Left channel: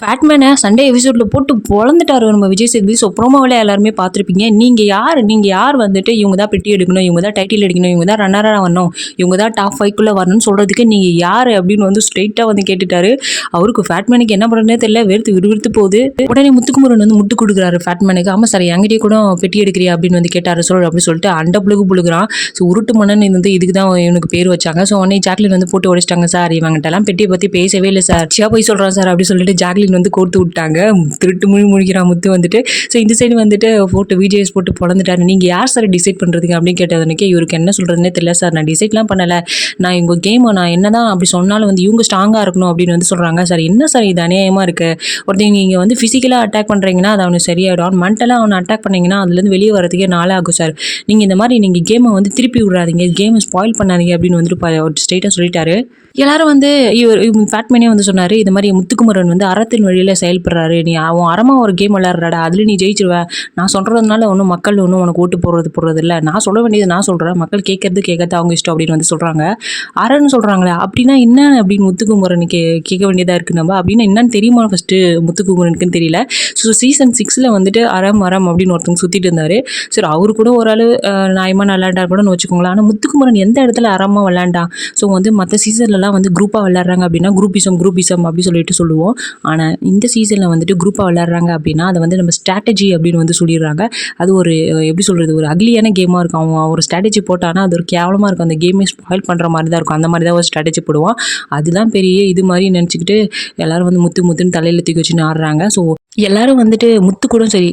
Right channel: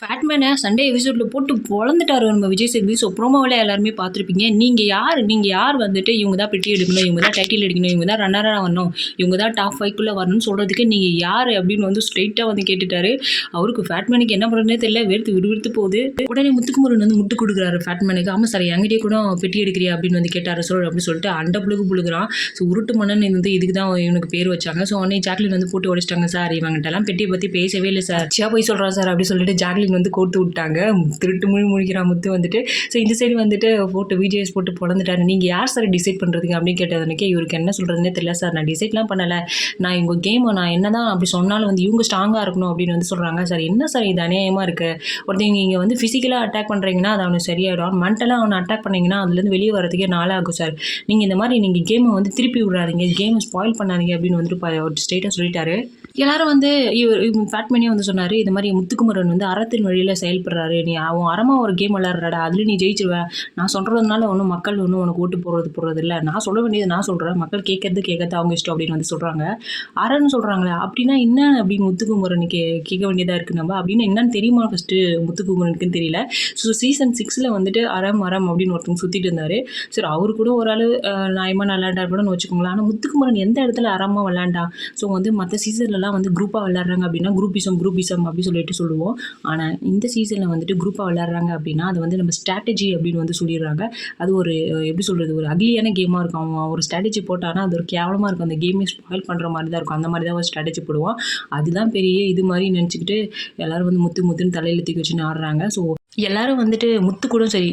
ஃபேட்மேனை Sunday எபிசோடில் போட்டு பொழந்துட்டாரு நம்ம விஜய் சேதுபதி. ஸோ ப்ரோமோவில் எல்லாருமே பார்த்துருப்பீங்க. நீங்கள் யார்? நீங்கள் யார் வந்துட்டு இவங்க தான் பெட்டி எடுக்கணும் இவங்க தான் டைட்டில் எடுக்கணும் இவங்க தான் ரன்னராக வரணும் இவங்க தான் டாப் ஃபைவ்க்குள்ளே வரணும்னு சொல்கிறதுக்கு நீங்கள் யார் அப்படின்னு வந்து ஸ்ட்ரெயிட்டாக வந்து கேட்டுட்டாரு. அவருக்கு ஃபேட்மேனுக்கு என்ன பண்ணுறதுனே தெரியல. வெறுத்து விறுவிறுத்து போகுது. உடனே முத்துக்குமரன் வந்து முட்டு கொடுக்குறாரு ஃபேட்மேனுக்கு ஆமாம் சார் எங்கிட்டே கூட பெட்டி எடுக்கிறியா அப்படின்னு வந்து கேட்டார். சொல் அப்படின்னு சொல்லிட்டு அண்ட புழுகு ஸோ உருட்டு மன்னன் வந்து இதுக்கு தான் இவனுக்கு பேர் வச்சாங்க. ஸோ உடனே ஜாக்லின் வந்து போட்டு உடைச்சிட்டாங்க சார் இவங்ககிட்டலாம் பெட்டியை பற்றி பேசவே இல்லை சார் சியா போய் சொல்கிறான் சார் அப்படின்னு சொல்லிட்டு ஜாக்லின் வந்து கோர்த்து விட்டாங்க. திருட்டு முழு முழிக்கிறான் முத்து வந்துட்டு ஸோ இந்த சைடு வந்துட்டு ஃபோட்டோ வீடியோஸ் போட்டு பிறந்துட்டாரு நீங்கள் யார் சார் டிசைட் பண்ணுறதுக்கு அப்படின்னு கேட்டதுனக்கே இவருக்கு என்ன சொல்கிறதுனே தெரியல சார் நான் டிசைட்லாம் பண்ணலை. நான் இவங்க கேமை நான் என்ன தான் அப்படி சொன்னாலும் வந்து இவங்க ஸ்ட்ராங்காக இருக்கணும் அப்படின்னு வந்து சொல்கிறாங்க சார் என்ன சார் இது? அநியாயமாக இருக்குது ஒருத்தங்க நீங்கள் வந்து ஃபிசிக்கலாக அட்டாக் பண்ணுறீங்கன்னா அது அவனுக்கு சரியாயிடும். மென்டலாக அவனை அட்டாக் பண்ணிங்கன்னா அதுலேருந்து வெளியே வரதுக்கே நாளாகும் சார் நீங்கள் இந்த மாதிரி நீங்கள் கேமை வந்து திருப்பி விட்றாதீங்க. கேமை ஸ்பாயில் பண்ணாதீங்க அப்படின்னு வந்துட்டு ப- ஸ்ட்ரெயிட்டாக சொல்லிட்டாரு. எல்லாரும் வந்து இவர் ஃபேட்மேனே வந்து சொன்னார் இது மாதிரி முத்துக்குமரன் வந்து அறத்தின் வழியில் செயல்படுறாரு. நீ அவன் அறமாக ஒரு கேம் விளையாடுறாடா அதில் நீ ஜெயிச்சிருவ. நான் சொல்கிறதுனால ஒன்றும் மக்கள் ஒன்றும் உனக்கு ஓட்டு போடுறது போடுறது இல்லை நான் சொல்ல வேண்டியது நான் சொல்கிறேன் மக்கள் கேட்கறது கேட்கறது அவங்க இஷ்டம் அப்படின்னு வந்து சொல்கிறாங்க அறன்னு சொல்கிறாங்களே அப்படின்னா என்ன அப்படின்னு முத்துக்குமரன் கே கேட்க வேண்டியதாக இருக்குது நம்ம? அப்படின்னா என்னன்னு தெரியுமா ஃபஸ்ட்டு முத்துக்குமரனுக்குன்னு தெரியல. ஸோ சீசன் சிக்ஸில் வந்துட்டு அறம் அறம் அப்படின்னு ஒருத்தவங்க சுற்றிட்டு இருந்தார். சரி அவரு கூட ஓரளவு நாயமாக நியாயமா கூடன்னு வச்சுக்கோங்களேன். ஆனால் முத்துக்குமரன் எந்த இடத்துல அறமாக விளையாண்டான்? ஸோ வந்து மற்ற சீசன்லலாம் வந்து குரூப்பாக விளாட்றாங்க அப்படின்னா குரூப்பிசம் குரூப்பிசம் அப்படி சொல்லிட்டு சொல்லுவோம். ஆனால் இந்த சீசனில் வந்துட்டு குரூப்பாக விளாட்றாங்க அப்படின்னா அதை வந்து நம்ம ஸ்ட்ராட்டஜி அப்படின்னு வந்து சொல்லிடுறாங்க. அது ஒரு எப்படி சொல்கிறது ஒரு அக்லியான கேமாக இருக்கும். அவன் ஒரு ஸ்ட்ராட்டஜி போட்டானா அது ஒரு கேவலமாக இருக்கும். அந்த கேமே ஸ்பாயில் பண்ணுற மாதிரி தான் இருக்கும். அந்த மாதிரி தான் ஒரு ஸ்ட்ராட்டஜி போடுவான் அதுதான் பெரிய இது மாதிரி நினச்சிக்கிட்டு எல்லோரும் வந்து முத்து முத்துன்னு தலையில் தூக்கி வச்சுன்னு ஆடுறாங்க. ஸோ எல்லாரும் வந்துட்டு முத்து கூட சரி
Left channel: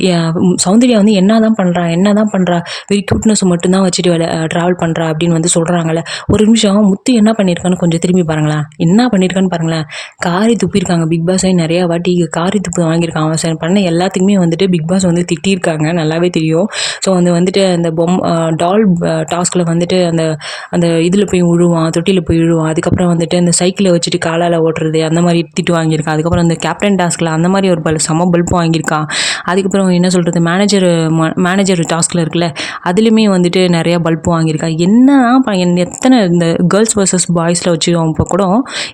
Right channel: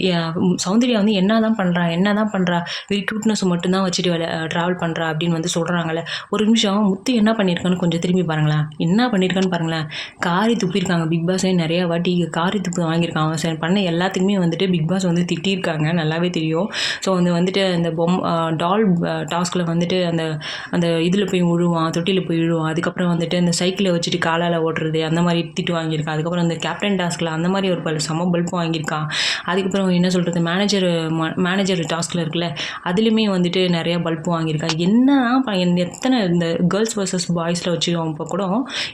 சௌந்தர்யா வந்து என்ன தான் பண்ணுறா என்ன தான் பண்ணுறா வெரி க்யூட்னஸ் மட்டும்தான் வச்சுட்டு ட்ராவல் பண்ணுறா அப்படின்னு வந்து சொல்கிறாங்கல்ல ஒரு நிமிஷம் முத்து என்ன பண்ணியிருக்கான்னு கொஞ்சம் திரும்பி பாருங்களேன். என்ன பண்ணியிருக்கான்னு பாருங்களேன். காரி துப்பியிருக்காங்க. பிக் பாஸே நிறையா வாட்டி காரி துப்பு வாங்கியிருக்கான். அவன் சார் பண்ண எல்லாத்துக்குமே வந்துட்டு பிக் பாஸ் வந்து திட்டியிருக்காங்க. நல்லாவே தெரியும். ஸோ வந்து வந்துட்டு அந்த பொம் டால் டாஸ்கில் வந்துட்டு அந்த அந்த இதில் போய் விழுவான் தொட்டியில் போய் விழுவான் அதுக்கப்புறம் வந்துட்டு அந்த சைக்கிளை வச்சுட்டு காலால் ஓட்டுறது அந்த மாதிரி திட்டு வாங்கியிருக்கான். அதுக்கப்புறம் அந்த கேப்டன் டாஸ்கில் அந்த மாதிரி ஒரு பல சம பல்ப் வாங்கியிருக்கான் அதுக்கப்புறம் என்ன சொல்கிறது மேனேஜர் மேனேஜர் டாஸ்கில் இருக்குல்ல அதுலேயுமே வந்துட்டு நிறையா பல்ப் வாங்கியிருக்கான் என்ன எத்தனை இந்த கேர்ள்ஸ் வர்சஸ் பாய்ஸில் வச்சு இப்போ கூட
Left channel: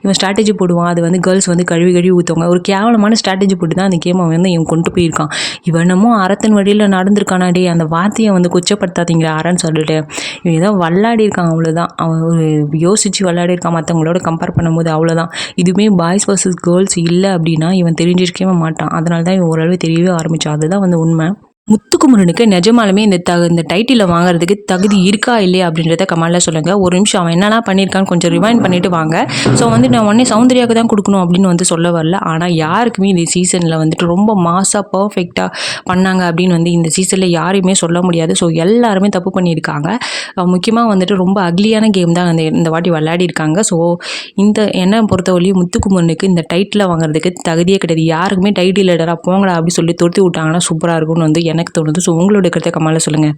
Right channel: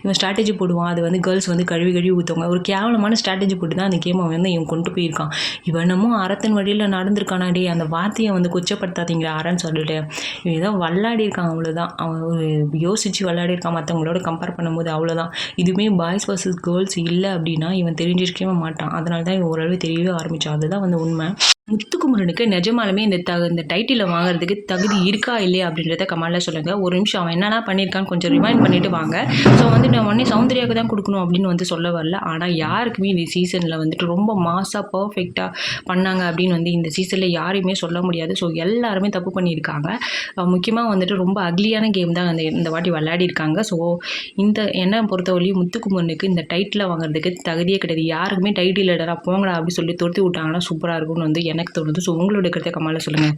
இவன் ஸ்ட்ராட்டஜி போடுவான். அது வந்து கேர்ள்ஸ் வந்து கழுவி கழுவி ஊற்றுவாங்க ஒரு கேவலமான ஸ்ட்ராட்டஜி போட்டு தான் அந்த கேமை வந்து இவன் கொண்டு போயிருக்கான். இவனமோ அறத்தின் வழியில் நடந்திருக்கானாடி அந்த வார்த்தையை வந்து கொச்சப்படுத்தாதீங்க அறன்னு சொல்லிட்டு இவன் ஏதோ விளாடி இருக்கான் அவ்வளோதான் அவன் ஒரு யோசித்து விளையாடி இருக்கான். மற்றவங்களோட கம்பேர் பண்ணும்போது அவ்வளோதான் இதுவுமே பாய்ஸ் வர்சஸ் கேர்ள்ஸ் இல்லை அப்படின்னா இவன் தெரிஞ்சிருக்கவே மாட்டான். அதனால தான் ஓரளவு தெரியவே ஆரம்பிச்சான். அதுதான் வந்து உண்மை. முத்துக்குமரனுக்கு நிஜமாலுமே இந்த த இந்த டைட்டிலை வாங்குறதுக்கு தகுதி இருக்கா இல்லையா அப்படின்றத கமலில் சொல்லுங்கள் ஒரு நிமிஷம் அவன் என்னென்ன பண்ணியிருக்கான்னு கொஞ்சம் ரிமைண்ட் பண்ணிவிட்டு வாங்க. ஸோ வந்து நான் உடனே சௌந்தர்யாவுக்கு தான் கொடுக்கணும் அப்படின்னு வந்து சொல்ல வரல. ஆனால் யாருக்குமே இந்த சீசனில் வந்துட்டு ரொம்ப மாசாக பர்ஃபெக்டாக பண்ணாங்க அப்படின்னு வந்து இந்த சீசனில் யாரையுமே சொல்ல முடியாது. ஸோ எல்லாருமே தப்பு பண்ணியிருக்காங்க. முக்கியமாக வந்துட்டு ரொம்ப அக்லியான கேம் தான் அந்த இந்த வாட்டி விளையாடிருக்காங்க ஸோ இந்த என்னை பொறுத்தவரையும் முத்துக்குமரனுக்கு இந்த டைட்டில் வாங்குறதுக்கு தகுதியே கிடையாது. யாருக்குமே டைட்டில் இடரா போங்கடா அப்படி சொல்லி தொடுத்து விட்டாங்கன்னா சூப்பராக இருக்கும்னு வந்து எனக்கு தோணுது. ஸோ உங்களோட கருத்தை கமால சொல்லுங்கள்